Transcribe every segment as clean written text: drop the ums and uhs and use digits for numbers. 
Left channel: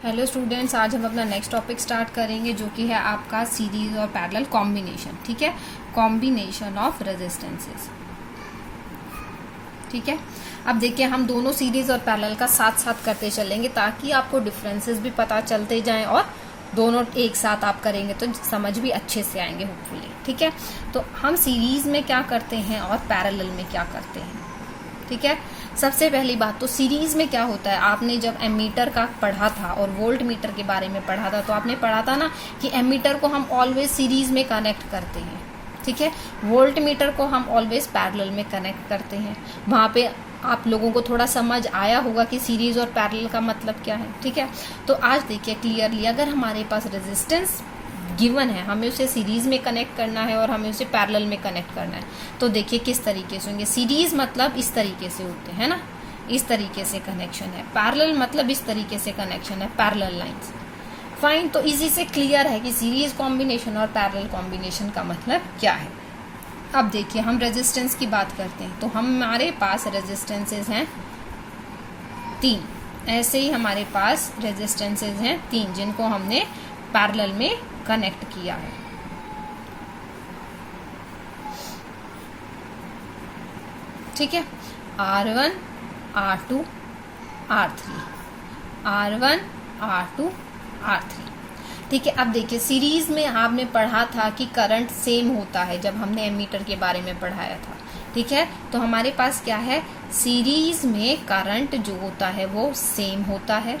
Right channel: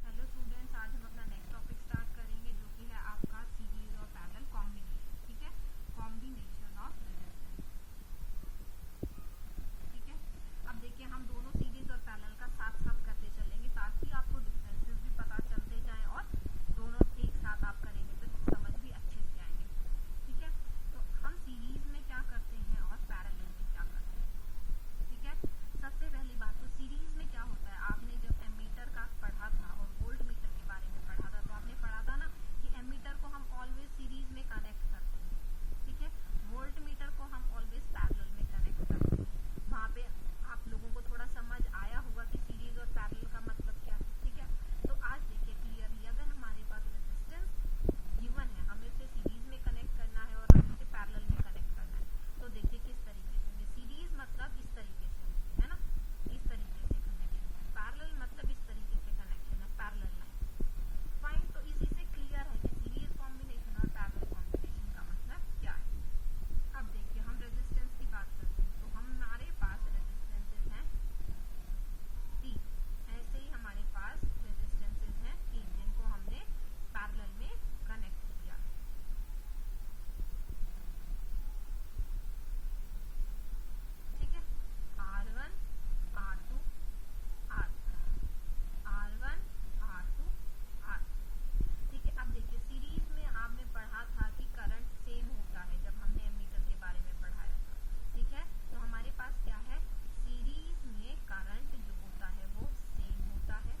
Hello students, आज हम अपना नेक्स्ट टॉपिक स्टार्ट करेंगे जो कि है आपका सीरीज और पैरेलल कॉम्बिनेशन। ठीक है, कॉम्बिनेशन ऑफ रेजिस्टेंसेस। ठीक है, अब देखिए हम दोनों सीरीज और पैरेलल का साथ साथ करते चलेंगे ताकि आपको डिफरेंसेस भी पता चलते जाएं और दोनों एक साथ आप करेंगे तो समझ भी अच्छे से आएंगे होपफुली। ठीक है, तो हम सीरीज में क्या करते हैं और पैरेलल में क्या करते हैं। ठीक है, सबसे पहली बात तो सीरीज में क्या होता है, आपने जब एमीटर का पढ़ा था और वोल्ट मीटर के बारे में पढ़ा था तो आपने पढ़ा था ना कि एमीटर को हम ऑलवेज सीरीज में कनेक्ट करते हैं। ठीक है, वोल्ट मीटर को हम ऑलवेज पैरेलल में कनेक्ट करते हैं। वहां पे आप लोगों को थोड़ा समझ आया होगा कि सीरीज और पैरेलल का मतलब क्या है। ठीक है, तो आज देखिए क्लियरली, अगर हमारे पास रेजिस्टेंस गिवन है, हमें उसे सीरीज में कनेक्ट करना है और हमें उसे पैरेलल में कनेक्ट करना है, तो देखिए किस तरीके से होंगे। सीरीज मतलब इस तरीके से होते हैं ना, इस तरीके से कनेक्शन है। पैरेलल मतलब इस तरीके से कनेक्शन है, पैरेलल लाइंस। फाइन, तो इसी से क्लियर है कि सीरीज कॉम्बिनेशन और पैरेलल कॉम्बिनेशन का मतलब क्या है। अब देखिए हम रेजिस्टेंस की बात करते हैं तो हमारे पास रेजिस्टेंसेज हैं 3। ऐसे ही हमारे पास रेजिस्टेंसेज हैं 3 जिनको हमने पैरेलल में कनेक्ट किया है। ठीक है, R1, R2, R3, R1, R2, R3। ठीक है, अब देखिए सीरीज में आपने पढ़ा था कि करंट सेम होता है जब हमने एमीटर के बारे में पढ़ाया था। ठीक है, तो हमारे पास क्या है, सीरीज में करंट जो होता है वो सेम होता है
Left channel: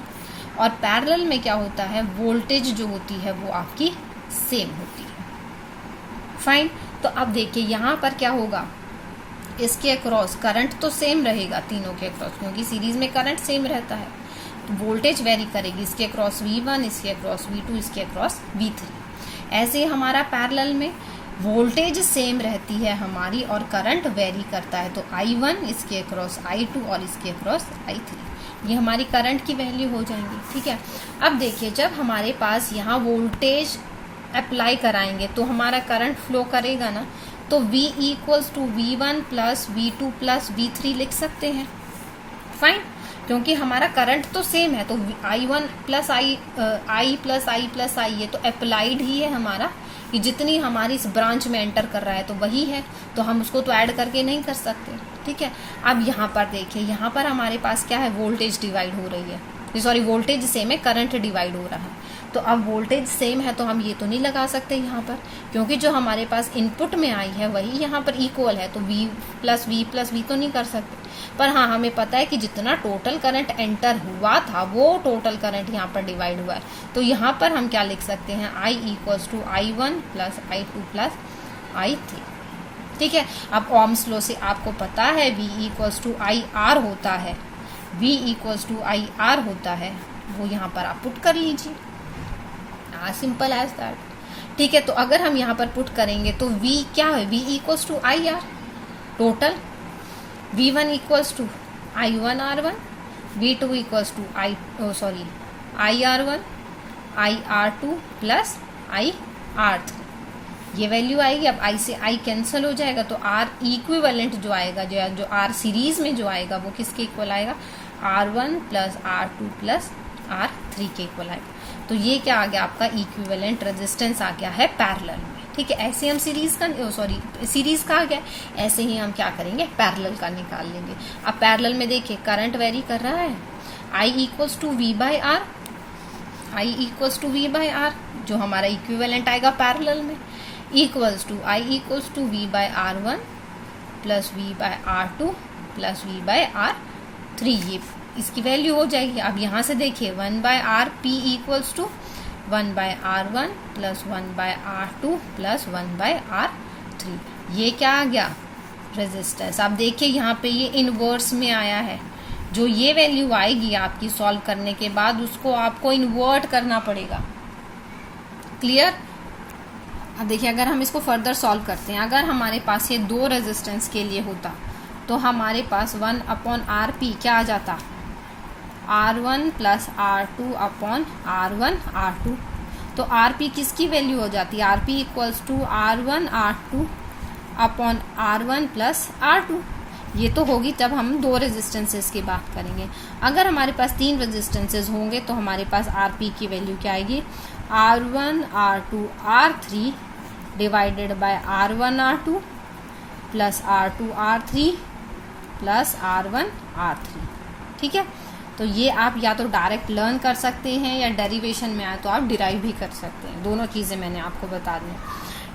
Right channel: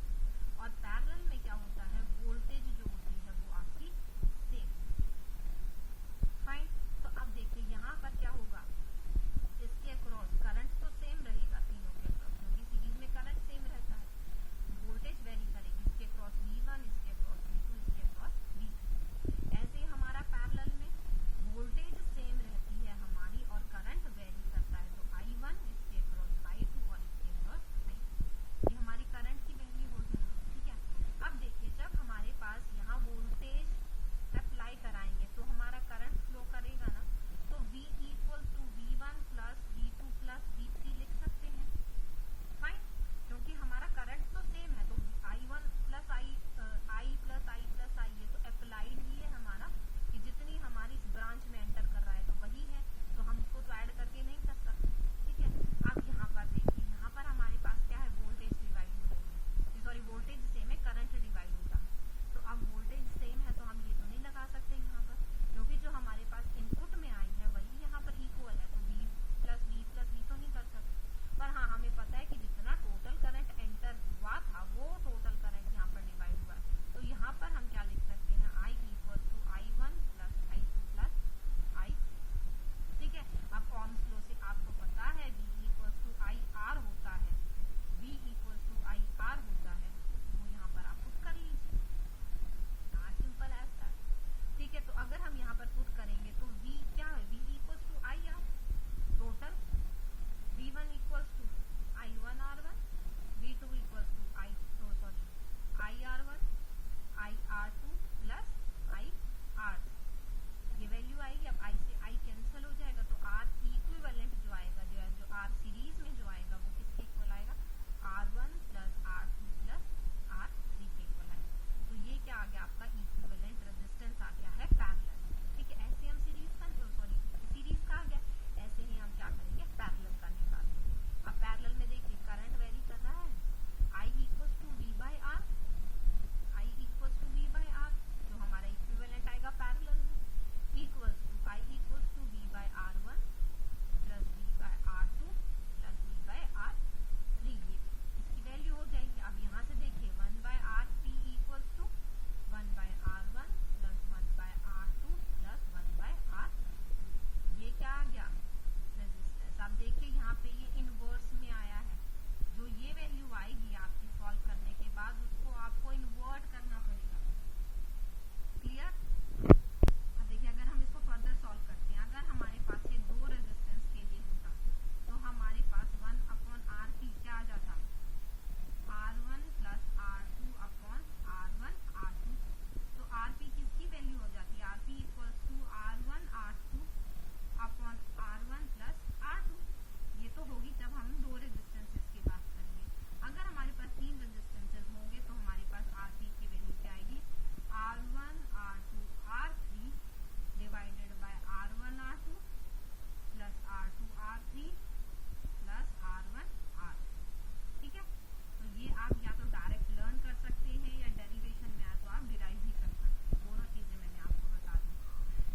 और पैरेलल में क्या होता है, वोल्टेज जो होती है वो आपकी सेम होती है। फाइन, तो अब देखिए यहाँ पर क्या होगा, इसके अक्रॉस करंट तो सेम रहेगा तीनों के अक्रॉस, क्योंकि सीरीज में करंट सेम रहता है। तो वोल्टेज वेरी करेगी, इसके अक्रॉस V1, इसके अक्रॉस V2, इसके अक्रॉस V3। ऐसे हमारा पैरेलल में वोल्टेज सेम रहती है हमारी और करंट वेरी करता है, तो I1 इसके अक्रॉस I2 और इसके अक्रॉस I3, ये हमारी करंट की वैल्यू हो जाएंगी। ठीक है, अब देखिए जब हमारे पास यहाँ वोल्टेज अप्लाई कराएंगे तो हमारा करंट फ्लो करेगा ना, तो V equals to V1 plus V2 plus V3 लिख सकते हैं। फाइन, क्योंकि हमारा करंट तो सेम है, तो I1 plus I plus I plus I, ये तो अप्लाइड ही है हमारा, कि जितनी हमारी इस ब्रांच में एंटर कर रहा है तो वही है, तो हम उसको तो ऐड करके नहीं कर सकते। ठीक है, अब यहाँ पर देखिए, यहाँ पर हमारे पास क्या है, वोल्टेज डिवाइड हो रही है, सॉरी वोल्टेज सेम है, करंट डिवाइड हो रहा है। तो अब वोल्टेज सेम है तो हम ये तो नहीं लगा सकते यहाँ पर, क्योंकि जो हमारे पास इनपुट में आई है वही यहाँ पर इक्वल है, तो V प्लस V तो नहीं कर सकते। पर हाँ, हमें पता है कि जितना टोटल करंट एंटर हुआ था वो टोटल करंट यहाँ पर डिवाइड हुआ है, तो यहाँ पर हम क्या लिख सकते हैं, I equals to I1 plus I2 plus I3। ठीक है, अब ओम्स लॉ से आपको पता है V इक्वल्स टू IR होता है, V इक्वल्स टू IR होता है, वो यहाँ पर आप पुट कर लीजिए, सिंपल एज दैट। ठीक है, तो अगर हम यहाँ पर पुट करेंगे तो V क्या है, V equals to IR total, V1 equals to I1 R1, V2 equals to IR1 IR2 plus IR3, ये वैल्यू आएगी। अब I से I कैंसिल हो जाएगा तो R इक्विवेलेंट जो आएगा, जो R सीरीज में जो आएगा वो किसके इक्वल आएगा, R1 plus R2 plus R3 के इक्वल आएगा। तो ये क्या आ गया, आपका इक्विवेलेंट रेजिस्टेंस आ गया है पैरेलल में। ठीक है, ऐसे हम सीरीज का आ गया, ऐसे ही हम क्या करेंगे, पैरेलल का निकाल लेंगे। अब पैरेलल में देखिए करंट वेरी कर रहा है, I equals to V by R, I equals to V by R जो हमारा इक्विवेलेंट आएगा पैरेलल में, equals to I equals to V by R1 plus V by R2 plus V by R3, ये इसकी value हो जाएगी। अब यहाँ से देखिए 1 by R P equals to 1 by R1 plus 1 by R2 plus 1 by R3, ये क्या आ गया, रेजिस्टेंस। आप देखिए यहाँ पे ये इनवर्स में आया है, जो ये वैल्यू आएगी आपकी सॉल्व करने के बाद उसको आपको इन्वर्ट करना पड़ेगा। क्लियर। अब देखिए अगर हम इसको फर्दर सॉल्व करते हैं, अगर हमारे पास ये 2 रेजिस्टेंस के लिए होता तो हमारे पास 1 अपॉन RP क्या आ जाता, R1 plus R2 upon R1 R2, तो RP किसकी वैल्यू हो जाती है, RP equals to R1 R2 upon R1 plus R2। ये तो होगी तब हम 2 रेजिस्टेंसेस की बात करेंगे। अगर हमारे पास 3 रेजिस्टेंसेस होंगे तो हमारे पास RP की वैल्यू क्या आएगी, R1 R2 R3 divided by R1 R2 plus R2 R3 plus R1 R3। ठीक है, तो ये आप या तो डायरेक्ट लर्न कर सकते हैं या डेरिवेशन में आए तो आप डिराइव भी कर सकते हैं। दोनों चीज़ें मैंने आपको बता दी।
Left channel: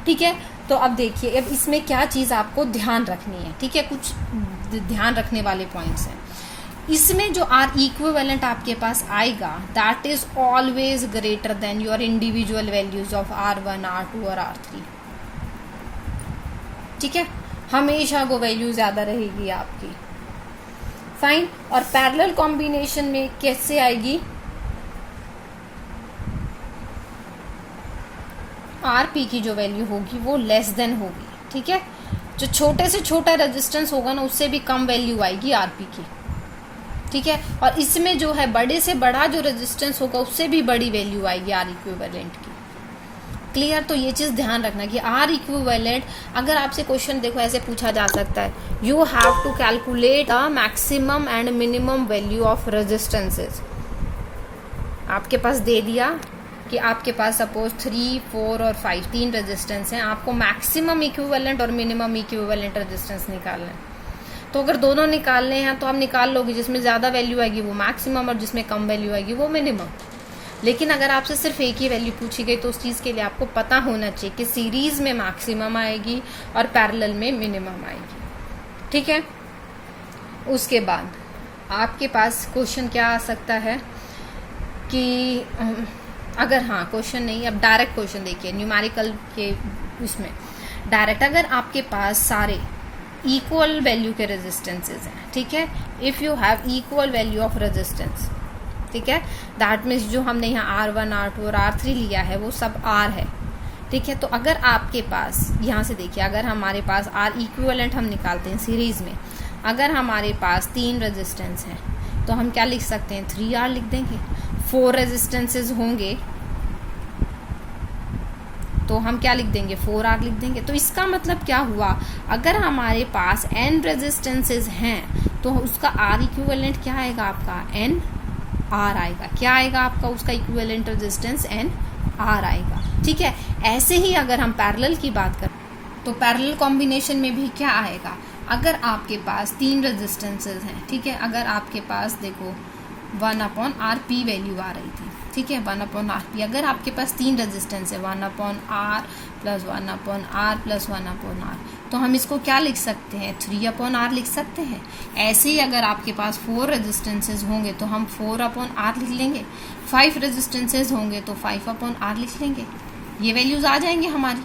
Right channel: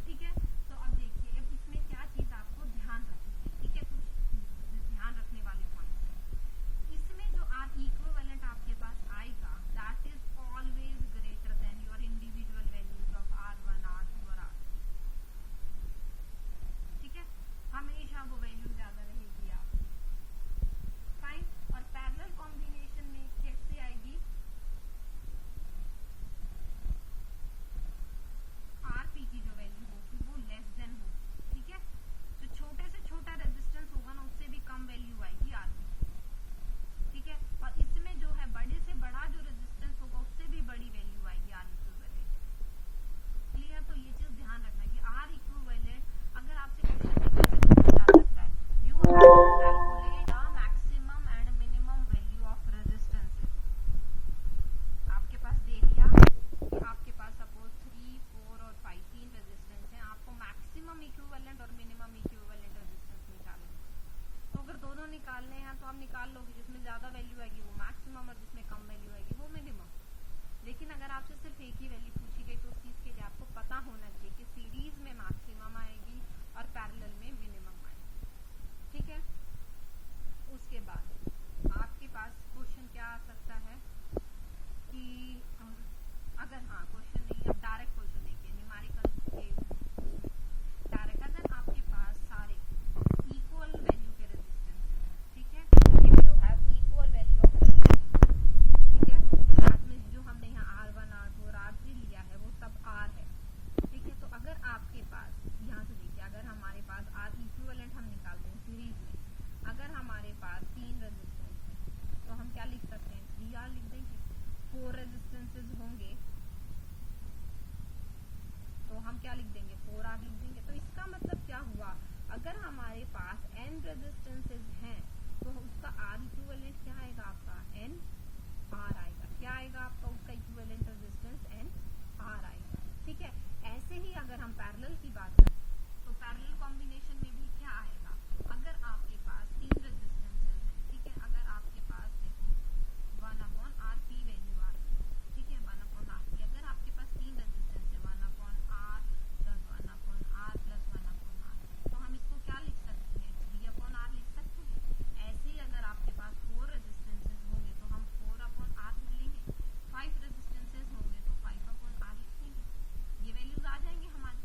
ठीक है, तो अब देखिए अब इसमें क्या चीज़ आपको ध्यान रखनी है। ठीक है, कुछ ध्यान रखने वाले पॉइंट्स हैं इसमें। जो R इक्विवेलेंट आपके पास आएगा that is always greater than your individual values of R1 R2 और R3। ठीक है, हमेशा वो वैल्यू ज़्यादा रहेगी आपकी। फाइन, और पैरेलल कॉम्बिनेशन में कैसे आएगी, RP की जो वैल्यू होगी वो लेस देन होगी। ठीक है, जो छोटे से छोटा रेजिस्टेंस होगा ना उससे भी कम वैल्यू आएगी RP की। ठीक है, और इसमें जो है बड़े से बड़ा जो रेजिस्टेंस होगा उससे भी बड़ी वैल्यू आएगी R इक्विवेलेंट की। क्लियर, तो ये चीज़ ध्यान रखना कि R इक्विवेलेंट, अगर आपसे क्वेश्चन देखो ऐसे पूछा जा सकता है, you have to calculate a maximum and minimum value of resistances. आपके पास दे दिया कि आपके पास सपोज 3, 4 और 5 3 रेजिस्टेंस हैं, आपको मैक्सिमम इक्विवेलेंट और मिनिमम इक्विवेलेंट रेजिस्टेंस निकालना है। तो अगर दोनों निकालने हैं तो आप निकाल लोगे, जिसमें ज़्यादा वैल्यू आएगी वो मैक्सिमम और जिसमें कम वैल्यू आएगी वो मिनिमम। लेकिन अगर आपसे सिर्फ एक ही वैल्यू पूछी गई तो उस चीज़ के लिए आपको पता होना चाहिए कि सीरीज में मैक्सिमम आएगी और पैरेलल में मिनिमम आएगी। ठीक है, उसके बाद आपके पास क्वेश्चन क्या आ सकता है कि अगर, हाँ क्वेश्चन नहीं, अब डायरेक्ट क्वेश्चन देखिए न्यूमेरिकल के उसमें डायरेक्ट, अगर आपके पास सारे इक्वल वैल्यू के रेजिस्टेंसेज हैं। ठीक है, if you have equal value of resistance, ठीक है, दैट मीन्स जो हमने यहाँ R1 R2 और R3 लिया है वो सब R है। ठीक है, तो अगर आपके पास यहाँ से देखिए, अगर हमारे पास R इक्विवेलेंट हम निकालते हैं सीरीज में, अगर हमारे पास 3 रेजिस्टेंस हैं तो हम क्या लिख सकते हैं, 3R लिख देंगे। 4 रेजिस्टेंसेज होंगे तो हम क्या लिख देंगे, 4R लिख देंगे। तो इसका मतलब क्या हुआ, अगर हमारे पास n रेजिस्टेंसेज हैं तो उसका R इक्विवेलेंट क्या आएगा, आपका NR आएगा। क्या आएगा आपका उसका इक्विवेलेंट रेजिस्टेंस, NR आएगा। ठीक है, ऐसे ही अगर हम पैरेलल की बात करें तो पैरेलल कॉम्बिनेशन में भी क्या आएगा, अगर आपके पास 3 रेजिस्टेंसेज हैं, ठीक है, अगर आपके पास देखो 1/RP वैल्यू आ रही थी, ठीक है, 1/RP, अगर आपके पास 3 रेजिस्टेंस है 1/R plus 1/R plus 1/R, तो हम इसको क्या लिख सकते हैं, 3/R लिख सकते हैं। ऐसे ही अगर आपके पास 4 रेजिस्टेंसेज होंगे तो हम 4/R लिख लेंगे, 5 रेजिस्टेंसेज होंगे तो 5/R लिख लेंगे। ये वैल्यूज आ जाएंगे हमारी।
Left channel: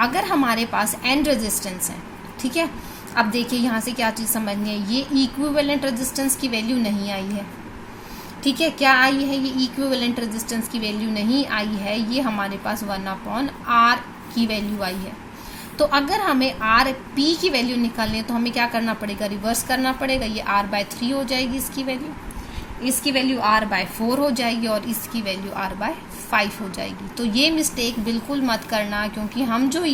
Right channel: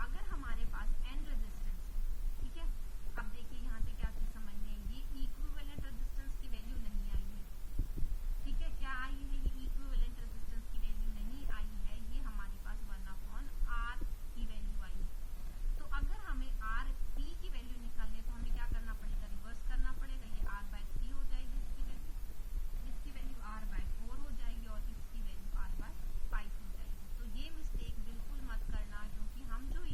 अगर हमारे पास n रेजिस्टेंस है, ठीक है, अब देखिए यहाँ से क्या चीज़ समझनी है, ये इक्विवेलेंट रेजिस्टेंस की वैल्यू नहीं आई है। ठीक है, क्या आई है, ये इक्विवेलेंट रेजिस्टेंस की वैल्यू नहीं आई है, ये हमारे पास 1/R की वैल्यू आई है। तो अगर हमें RP की वैल्यू निकालनी है तो हमें क्या करना पड़ेगा, रिवर्स करना पड़ेगा। ये R/3 हो जाएगी इसकी वैल्यू, इसकी वैल्यू R/4 हो जाएगी और इसकी वैल्यू R/5 हो जाएगी। तो ये मिस्टेक बिल्कुल मत करना, क्योंकि हम जो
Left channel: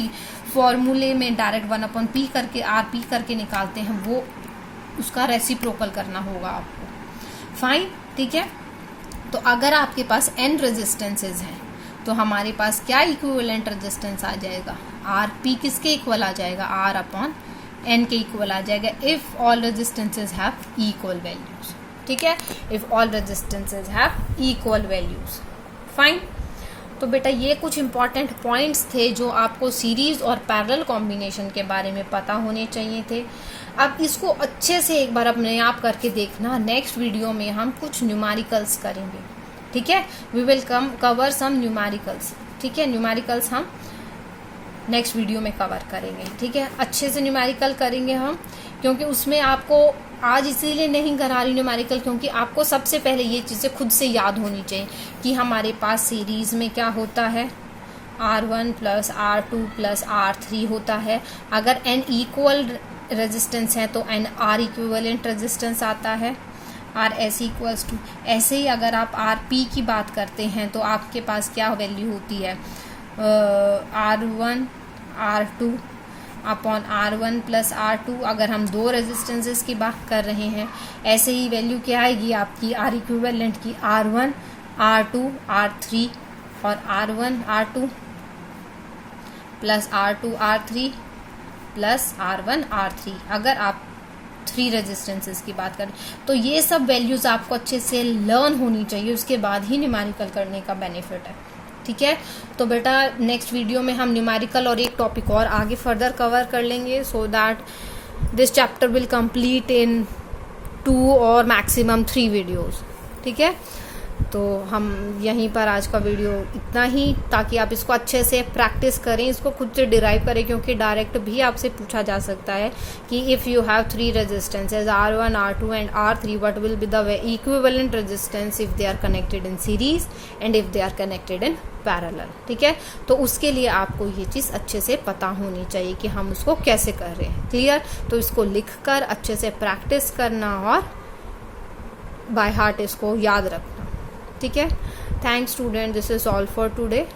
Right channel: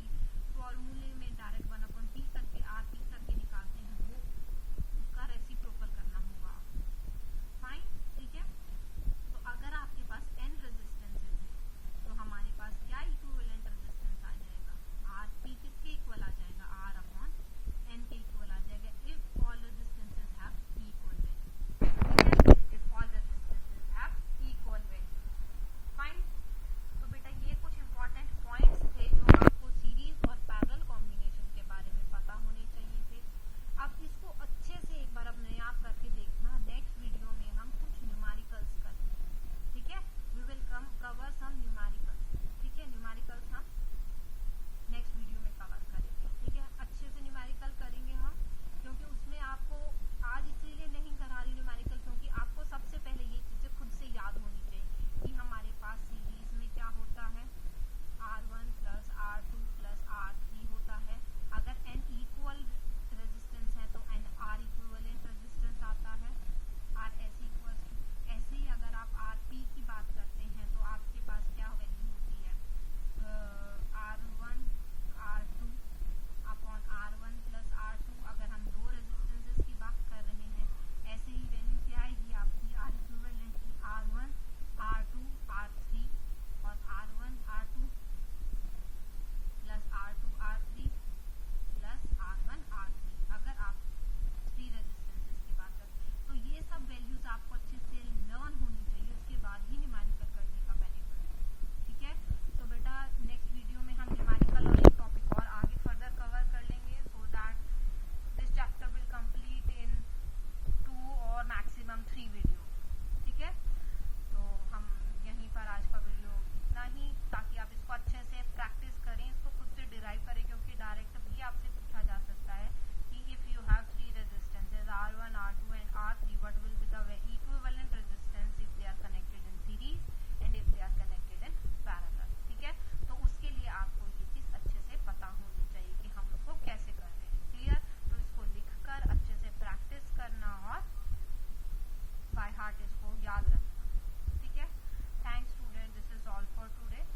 फॉर्मूले में डायरेक्ट 1/P करके RP करके निकालते हैं वो उसका रेसिप्रोकल करना होगा आपको। फाइन, ठीक है, तो अगर आपके पास n रेजिस्टेंसेज हैं तो हमारे पास क्या इक्विवेलेंट रेजिस्टेंस आ जाएगा, RP किसके इक्वल आ जाएगा, R/n के इक्वल आ जाएगा, if all resistances have equal values. ठीक है, if all resistances have equal values. Fine, तो बेटा ये कुछ इंपॉर्टेंट पॉइंट्स थे जो आपको सीरीज और पैरेलल कॉम्बिनेशन के बारे में पता होने चाहिए थे। अब इसको अच्छे से एक बार अपने आप करके देखना। नेक्स्ट वीडियो में हम कुछ न्यूमेरिकल्स करेंगे। ठीक है, we will cover some numericals. ठीक है, न्यूमेरिकल्स हम नेक्स्ट वीडियो में कवर करेंगे। ठीक है, अच्छे से न्यूमेरिकल करेंगे हम, क्योंकि उसमें आपको आज इसीलिए नहीं करा रही न्यूमेरिकल, क्योंकि आपको सबसे पहले ये चीज़ें खुद से याद होनी चाहिए कि हमारे पास सीरीज में क्या होता है, R1 plus R2 plus R3 होता है। अगर n इक्वल रेजिस्टेंस है तो NR इक्विवेलेंट रेजिस्टेंस आता है, RS इक्वल्स टू। ऐसे ही अगर आप RP की बात करते हैं तो आपके पास क्या वैल्यू होती है, R1 R2 upon R1 plus R2, अगर हम दो रेजिस्टेंसेस की बात कर रहे हैं। ऐसे ही वैल्यू क्या आएगी आपकी R इक्विवेलेंट की, R1 R2 R3 और R1 R2 plus R2 R3 plus R1 R3, अगर आप 3 रेजिस्टेंसेस की बात करें। तो ये सब वैल्यूज आपको अच्छे से लर्न होनी चाहिए, उसके बाद ही न्यूमेरिकल करने का बेनिफिट है। ठीक है, तो बेटा नेक्स्ट वीडियो में हम न्यूमेरिकल और एक टॉपिक और आगे फर्दर कवर कर लेंगे, so that this chapter will complete in 2 और मैक्सिमम 3 वीडियोस। ठीक है, तो हम यहीं पर आज का वीडियो इतना ही, ताकि आप इसको अच्छे से प्रैक्टिस करें, इसको खुद से डिराइव करें, क्योंकि डायरेक्ट भी आपसे पूछा जा सकता है कि if you have 3 resistances R1 R2 and R3, what will be the equivalent resistance if they are connected in series and if they are connected in parallel. ठीक है, तो उसके लिए आपको ये चीज़ अच्छे से पता होनी चाहिए कि हम उसको कैसे कर रहे हैं। क्लियर, तो इसको लिख कर अच्छे से प्रैक्टिस करना और बाय हार्ट इसको याद रखना। ठीक है, thanks student, this is all for today.